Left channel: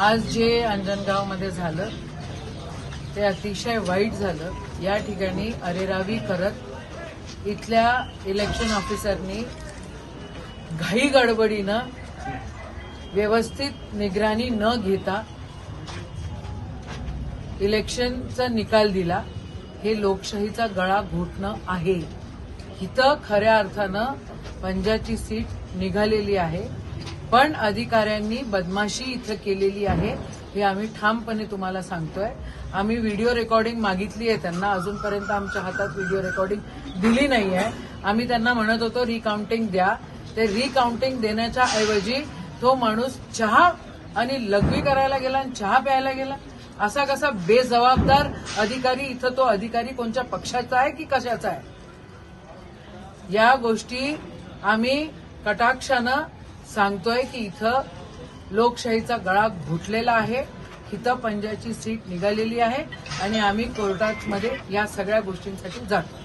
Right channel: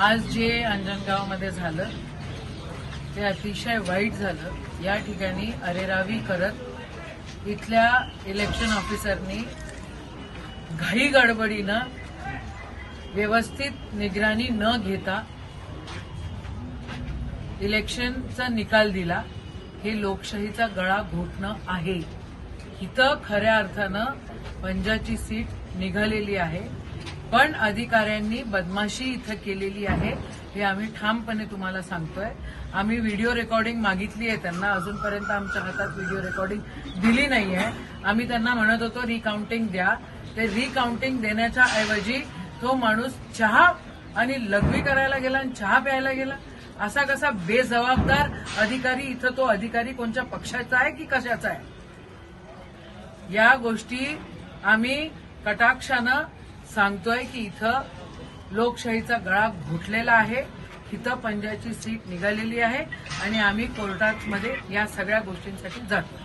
आज जे अंजनगावमध्ये झालं ते अतिशय वाईट झालं। या ठिकाणी अरेरावी करत इथल्या इलेक्शन ऑफिसरनी घाई गडबडीनं व्यवस्थित निगराणी न घेता इलेक्शनचा निकाल दिला। हे लोकशाहीचा गळा घोटणं आहे। इथं खऱ्या अर्थानं पंजाची सीट निघालेली आहे, पण अधिकाऱ्यांनी बदमाशी इथं केलेली आहे हे आम्ही ठामपणे तुम्हाला सांगतोय। आम्ही व्हिडिओ रेकॉर्डिंग मागितली आहे त्यांना, अजूनपर्यंत आमच्या हातात व्हिडिओ रेकॉर्डिंग दिली नाहीये। आम्ही त्यांना म्हणत होतो रिकाउंटिंग द्या, ते रिकाउंटिंग देण्याच्या ऐवजी तो माणूस चहा आणि लघवी करायला गेला आणि चहा प्यायला गेला। असा कसा बेजबाबदार अधिकारी? इथं तो अधिकारी कोणत्या पक्षाचा आहे की कशाचा आहे? या गोष्टी आम्ही कटाक्षानं सांगतोय की इथं लोकशाहीचा गळा घोटलेला आहे। इथं पंजाची सीट निघालेली आहे आणि आम्ही कोर्टामध्ये या सगळ्या गोष्टींसाठी जातो।